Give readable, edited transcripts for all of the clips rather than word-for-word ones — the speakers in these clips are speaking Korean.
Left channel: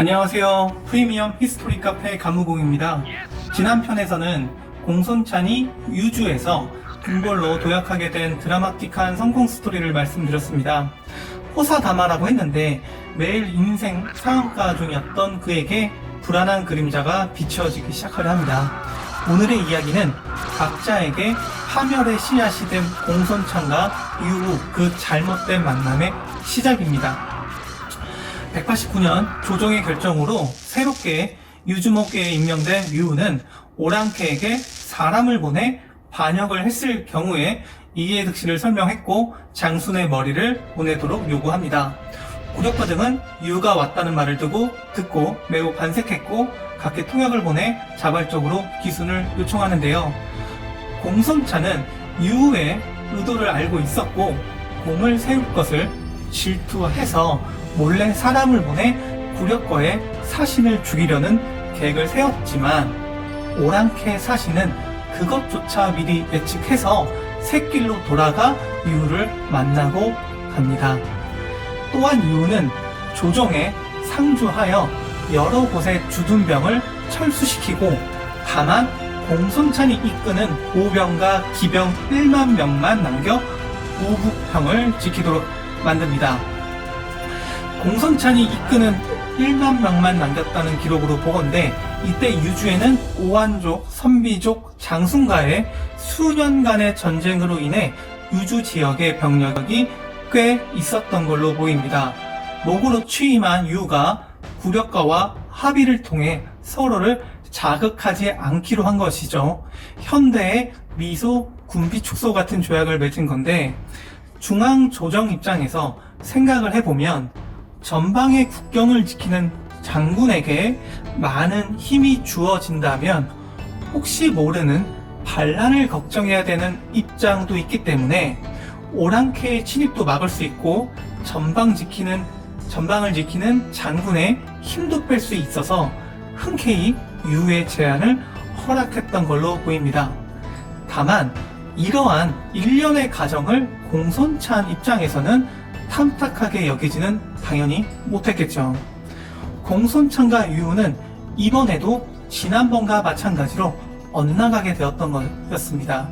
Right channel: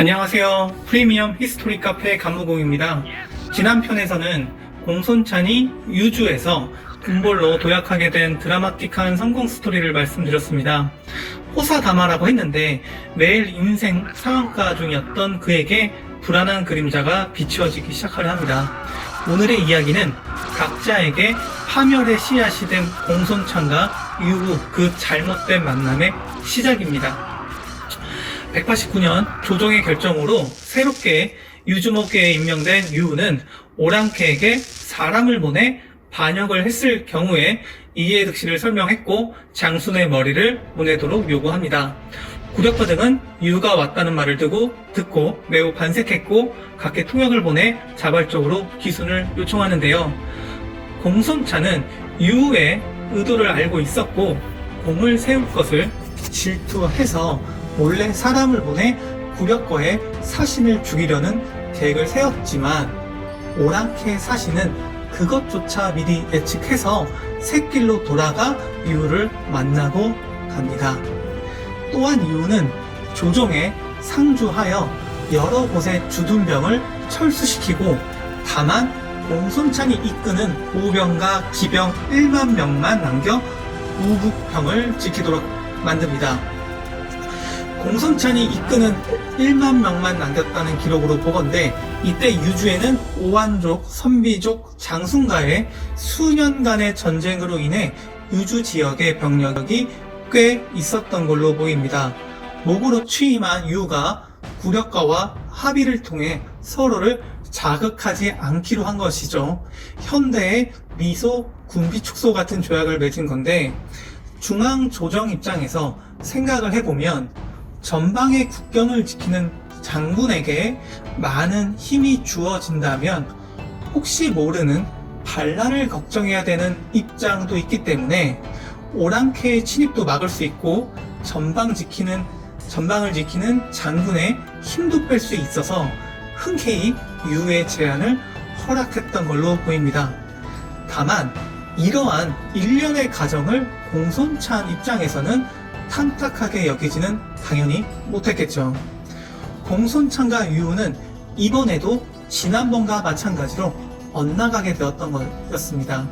안녕하세요. 프리미엄 히스토리 카페 감무공입니다. 지난 편에서는 공손찬이 유주에서 궁궐로 도약하게 된 드라마틱한 성공 스토리를 말씀드렸습니다. 호사다마라고 했는데 매일 인생 상한가 중이었던 그에게 불안한 그림자가 비춰지기 시작하려 합니다. 오늘의 이야기는 각자에게 파멸의 씨앗이 된 공손찬과 이후 그 잘못된 만남의 시작입니다. 189년 조정의 결정으로 새롭게 유주목계에 임명된 유우는 오랑캐에게 사람을 보내 반역을 했을 경우에 이해 득실을 설명했고 장순의 머리를 보내도록 요구합니다. 구력파 등은 유우가 왔다는 말을 듣고 매우 반색했고 각계 통역을 보내 자발적으로 기순을 요청하는데요. 공손찬은 유우의 의도를 알고 있었고 공을 세울 것을 질투해서 몰래 사람을 보내 구력과의 사신을 죽이려는 계획을 세웠지만 오랑캐 사신은 그것조차 미리 예측해서 샛길로 돌아가 유우를 만나고 갑니다. 또한 유우는 조정에 상주하여 여러 곳의 주둔병을 철수시키고 다만 공손찬이 이끄는 보병과 기병 1만 명만 남겨 우북평을 지키도록 만듭니다. 공손찬이 이끄는 1만 명만 남겼다는 기록으로 보건대 이때 유주에는 오한족, 선비족, 장순과의 수년간의 전쟁으로 인해 유주 지역의 병력이 꽤 있었던 걸로 보입니다. 목으로 취임한 유우가 구력가와 합의를 통해 서로를 자극하지 않기로 한 것이죠. 현대의 미소, 군비축소 같은 조약을 맺은 건데 중앙조정 입장에서 생각을 해보면 전방의 국경을 지키는 장군에게 많은 힘이 주어진다면 혹시 모르는 반란을 걱정해야 되는 입장도 있기 때문에 오랑캐의 침입도 막을 수 있고 전방을 지키는 장군의 힘도 뺄 수 있어서 흔쾌히 유우의 제안을 허락했던 걸로 보입니다. 다만 이러한 일련의 과정을 공손찬 입장에서는 탐탁하게 여기지는 당연히 못했겠죠. 공손찬과 유우는 이번에도 지난번과 마찬가지로 엇나가게 되었던 것이었습니다.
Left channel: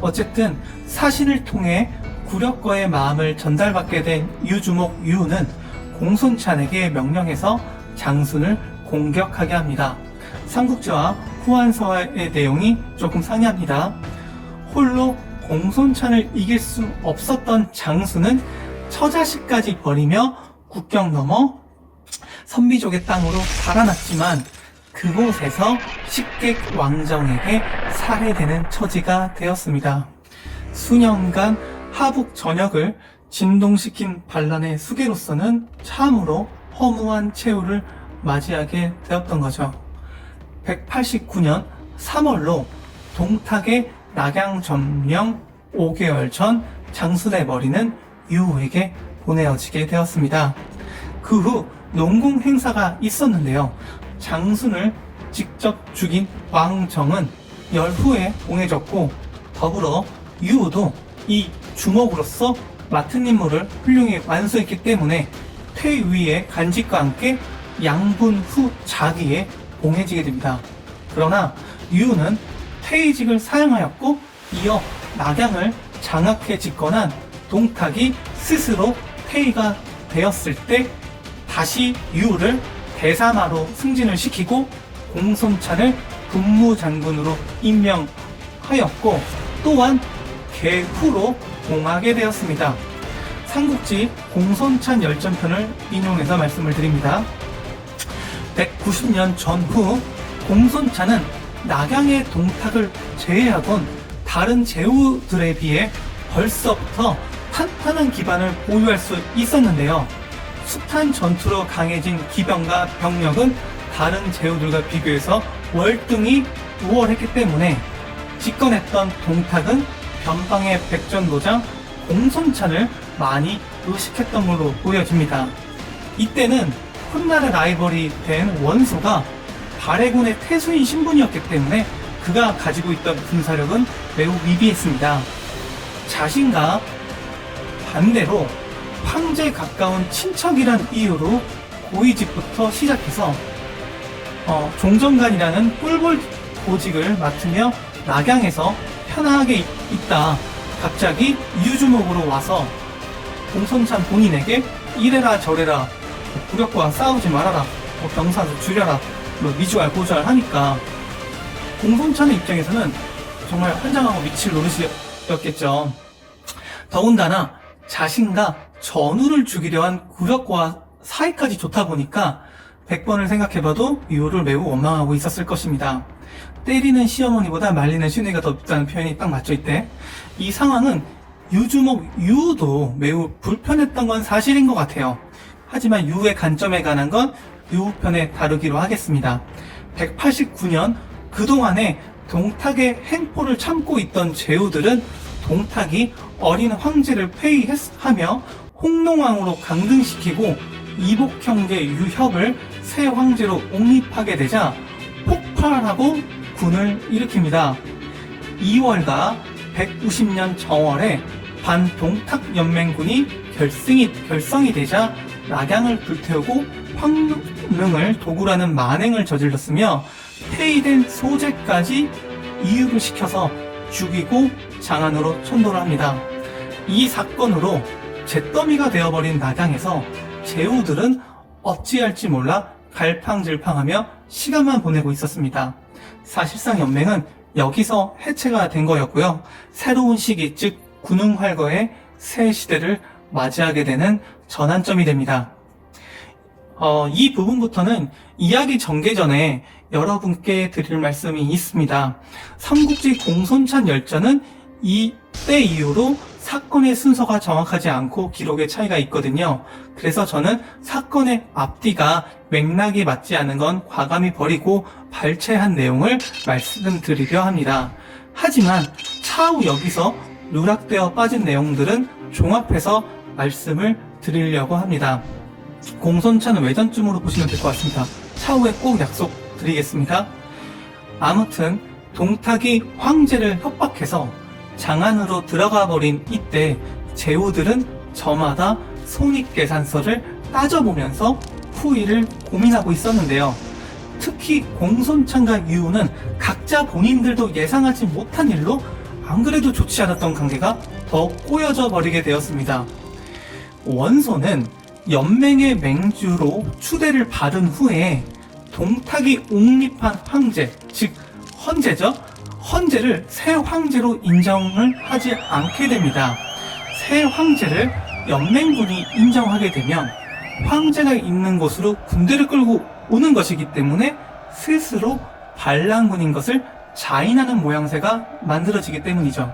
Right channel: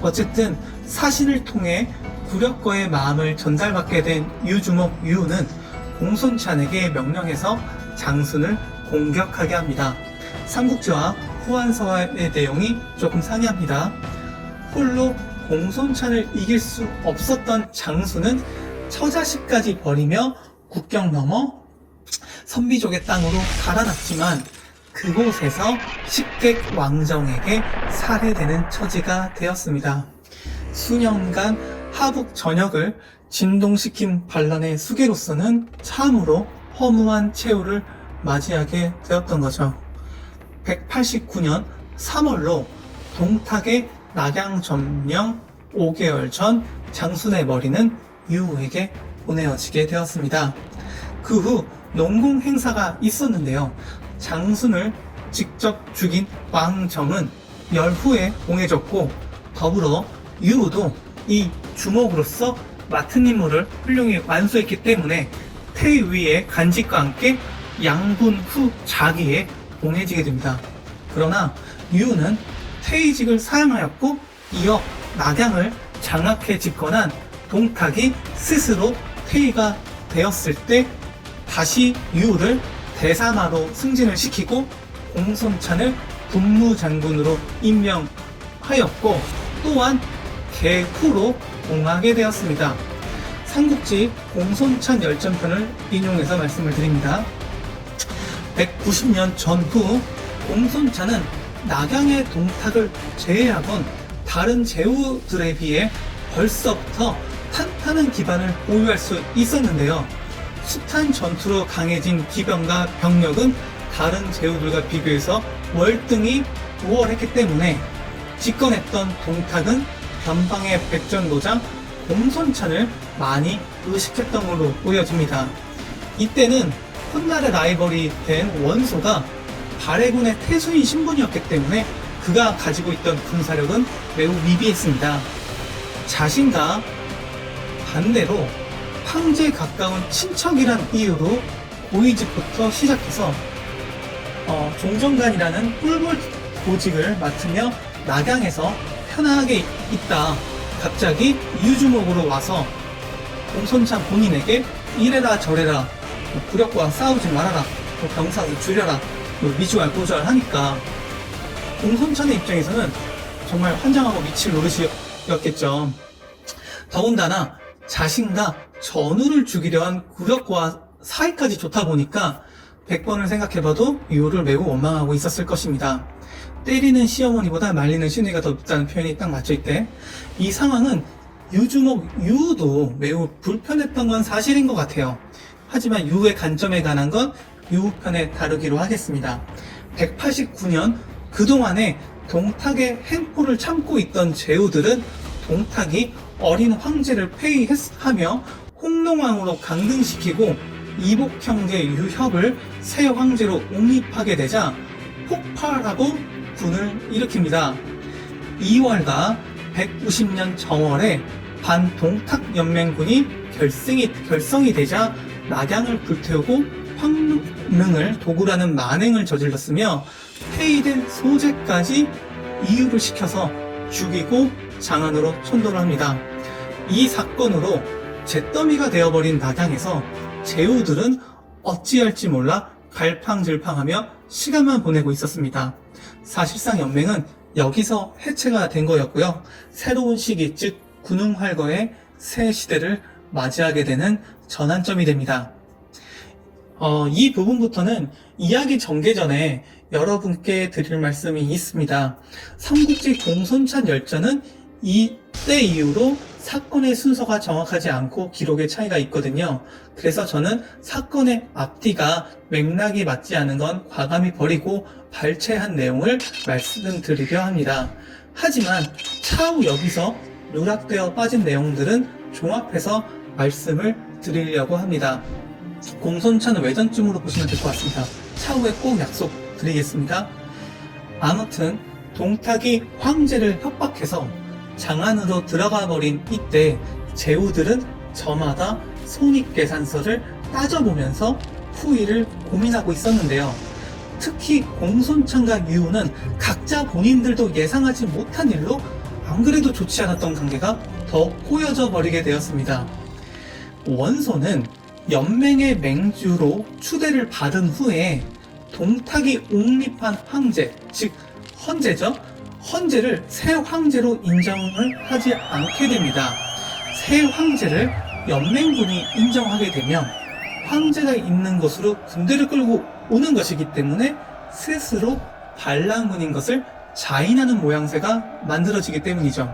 어쨌든 사신을 통해 구력과의 마음을 전달받게 된 유주목 유우는 공손찬에게 명령해서 장순을 공격하게 합니다. 삼국지와 후한서의 내용이 조금 상이합니다. 홀로 공손찬을 이길 수 없었던 장순은 처자식까지 버리며 국경 넘어 선비족의 땅으로 달아났지만 그곳에서 식객 왕정에게 살해되는 처지가 되었습니다. 수년간 하북 전역을 진동시킨 반란의 수계로서는 참으로 허무한 최후를 맞이하게 되었던 거죠. 189년 3월로 동탁의 낙양 점령 5개월 전 장순의 머리는 유우에게 보내어지게 되었습니다. 그 후 농공 행사가 있었는데요. 장순을 직접 죽인 왕정은 열후에 봉해졌고 더불어 유우도 이 주먹으로서 맡은 임무를 훌륭히 완수했기 때문에 태위의 간직과 함께 양분 후 자기에 봉해지게 됩니다. 그러나 유우는 태의직을 사양하였고 이어 낙양을 장악해 집권한 동탁이 스스로 태의가 되었을 때 다시 유우를 대사마로 승진을 시키고 공손찬을 군무장군으로 임명하였고 또한 개후로 봉하게 되었습니다. 삼국지 공손찬 열전편을 인용해서 말씀을 드립니다. 190년 전후 공손찬은 낙양의 동탁을 제외하곤 다른 제후들에 비해 벌써부터 탄탄한 기반을 보유할 수 있었는데요. 숱한 전투로 강해진 기병과 병력은 다른 제후들과 비교해서 월등히 우월했기 때문에 집권했던 동탁은 변방의 백전도장 공손찬을 많이 의식했던 걸로 보여집니다. 이때는 훗날의 라이벌이 된 원소가 발해군의 태수인 신분이었기 때문에 그가 가지고 있던 군사력은 매우 미비했습니다. 자신과 반대로 황제에 가까운 친척이란 이유로 고위직부터 시작해서 종정관이라는 꿀벌 보직을 맡으며 낙양에서 편하게 있다 갑자기 유주목으로 와서 공손찬 본인에게 이래라 저래라 굴욕과 싸우지 말아라 병사도 줄여라 미중알 고주알 하니까 공손찬의 입장에서는 정말 환장하고 미칠 노릇이었겠죠. 더군다나 자신과 전우를 죽이려 한 굴욕과 사이까지 좋다 보니까 100번을 생각해봐도 유를 매우 원망하고 있었을 것입니다. 때리는 시어머니보다 말리는 시누이가 더 밉다는 표현이 딱 맞죠 이때. 이 상황은 유주목 유도 매우 불편했던 건 사실인 것 같아요. 하지만 유의 관점에 관한 건 유편에 다루기로 하겠습니다. 189년 그동안에 동탁의 행포를 참고 있던 제후들은 동탁이 어린 황제를 폐위하며 홍농왕으로 강등시키고 이복 형제 유협을 새 황제로 옹립하게 되자 폭발하고 군을 일으킵니다. 2월과 190년 정월에 반동탁 연맹군이 결성이 되자 낙양을 불태우고 황릉을 도굴하는 만행을 저질렀으며 폐위된 소재까지 이유를 시켜서 죽이고 장안으로 천도를 합니다. 이 사건으로 잿더미가 되어버린 낙양에서 제후들은 어찌할지 몰라 갈팡질팡하며 시간만 보내고 있었습니다. 사실상 연맹은 여기서 해체가 된 거였고요. 새로운 시기, 즉 군웅활거의 새 시대를 맞이하게 되는 전환점이 됩니다. 이 부분부터는 이야기 전개 전에 여러분께 드릴 말씀이 있습니다. 삼국지 공손찬 열전은 이때 이후로 사건의 순서가 정확하지 않고 기록의 차이가 있거든요. 그래서 저는 사건의 앞뒤가 맥락이 맞지 않은 건 과감히 버리고 발췌한 내용을 말씀드리려 합니다. 하지만 차후 여기서 누락되어 빠진 내용들은 종합해서 말씀을 드리려고 합니다. 공손찬은 외전쯤으로 보시면 될 것 같습니다. 차후에 꼭 약속드리겠습니다. 아무튼 동탁이 황제를 협박해서 장안으로 들어가 버린 이때 제후들은 저마다 손익계산서를 따져보면서 후일을 고민하고 있었는데요. 특히 공손찬과 유우는 각자 본인들도 예상하지 못한 일로 안 그래도 좋지 않았던 관계가 더 꼬여져 버리게 되었습니다. 원소는 연맹의 맹주로 추대를 받은 후에 동탁이 옹립한 황제, 즉 헌제죠. 헌제를 새 황제로 인정을 하지 않게 됩니다. 새 황제를 연맹군이 인정하게 되면 황제가 있는 곳으로 군대를 끌고 오는 것이기 때문에 스스로 반란군인 것을 자인하는 모양새가 만들어지기 때문이죠.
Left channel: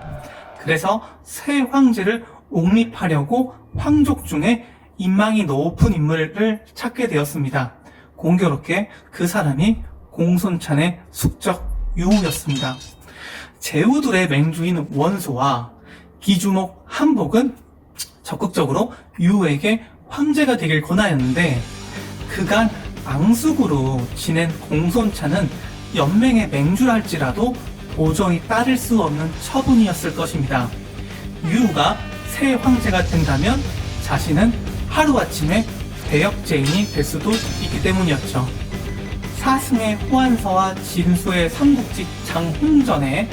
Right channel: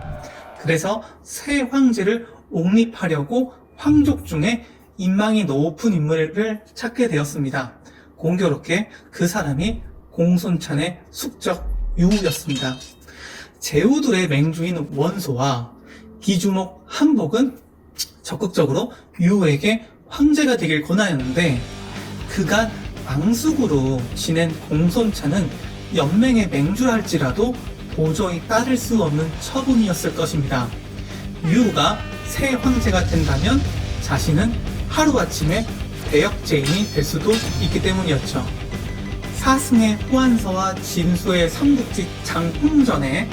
그래서 새 황제를 옹립하려고 황족 중에 인망이 높은 인물을 찾게 되었습니다. 공교롭게 그 사람이 공손찬의 숙적 유우였습니다. 제후들의 맹주인 원소와 기주목 한복은 적극적으로 유우에게 황제가 되길 권하였는데 그간 앙숙으로 지낸 공손찬은 연맹의 맹주랄지라도 도저히 따를 수 없는 처분이었을 것입니다. 유우가 새 황제가 된다면 자신은 하루아침에 대역죄인이 될 수도 있기 때문이었죠. 사승의 호안서와 진수의 삼국지 장홍전에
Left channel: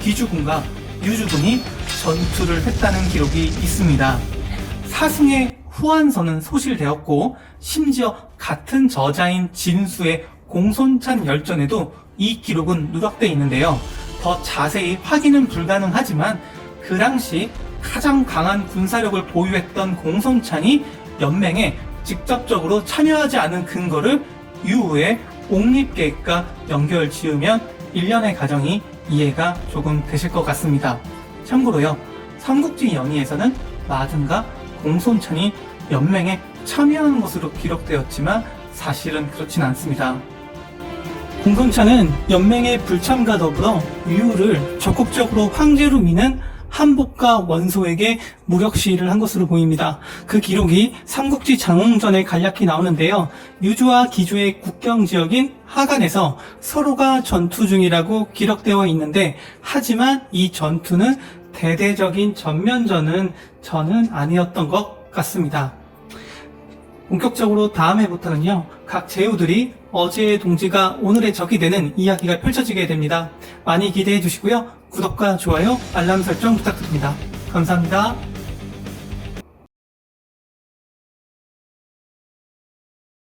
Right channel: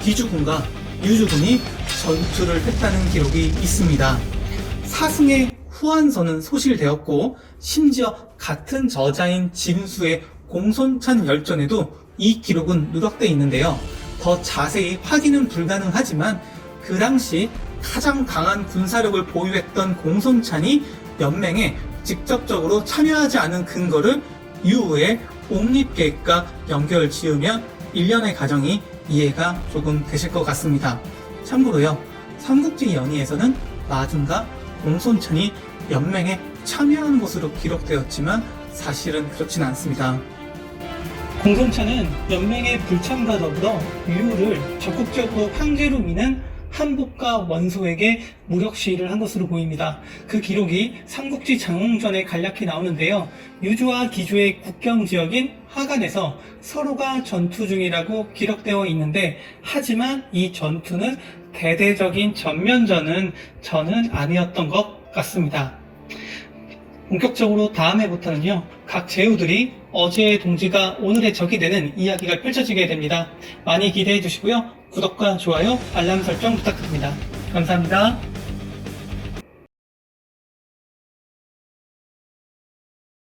기주군과 유주군이 전투를 했다는 기록이 있습니다. 사승의 후안서는 소실되었고 심지어 같은 저자인 진수의 공손찬 열전에도 이 기록은 누락되어 있는데요. 더 자세히 확인은 불가능하지만 그 당시 가장 강한 군사력을 보유했던 공손찬이 연맹에 직접적으로 참여하지 않은 근거를 유우의 옹립계획과 연결 지으면 일련의 과정이 이해가 조금 되실 것 같습니다. 참고로요, 삼국지 연의에서는 마등과 공손찬이 연맹에 참여하는 것으로 기록되었지만 사실은 그렇진 않습니다. 공손찬은 연맹의 불참과 더불어 유우를 적극적으로 황제로 미는 한복과 원소에게 무력 시위를 한 것으로 보입니다. 그 기록이 삼국지 장홍전에 간략히 나오는데요. 유주와 기주의 국경 지역인 하간에서 서로가 전투 중이라고 기록되어 있는데 하지만 이 전투는 대대적인 전면전은 아니었던 것 같습니다. 본격적으로 다음 회부터는요, 각 제후들이 어제의 동지가 오늘의 적이 되는 이야기가 펼쳐지게 됩니다. 많이 기대해 주시고요. 구독과 좋아요, 알람 설정 부탁드립니다. 감사합니다.